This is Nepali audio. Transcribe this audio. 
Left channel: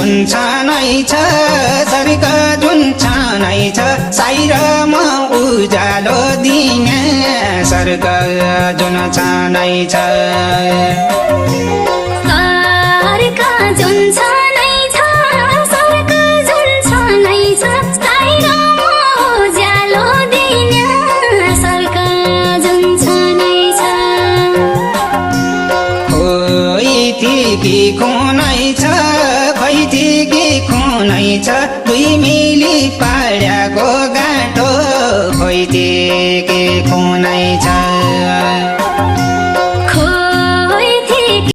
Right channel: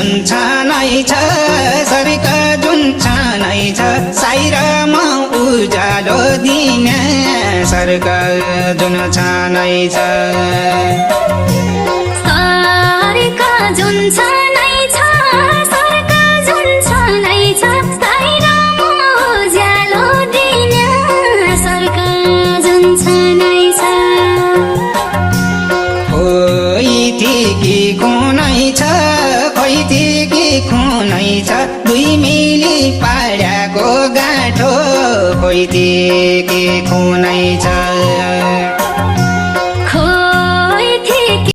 जुन छानै छ स्वर्ग जुन छानै छ साइरामा उज्यालो दिने स्वर्ग जुन छानै छ दुई मिली पाड्याको गाँठो खोइती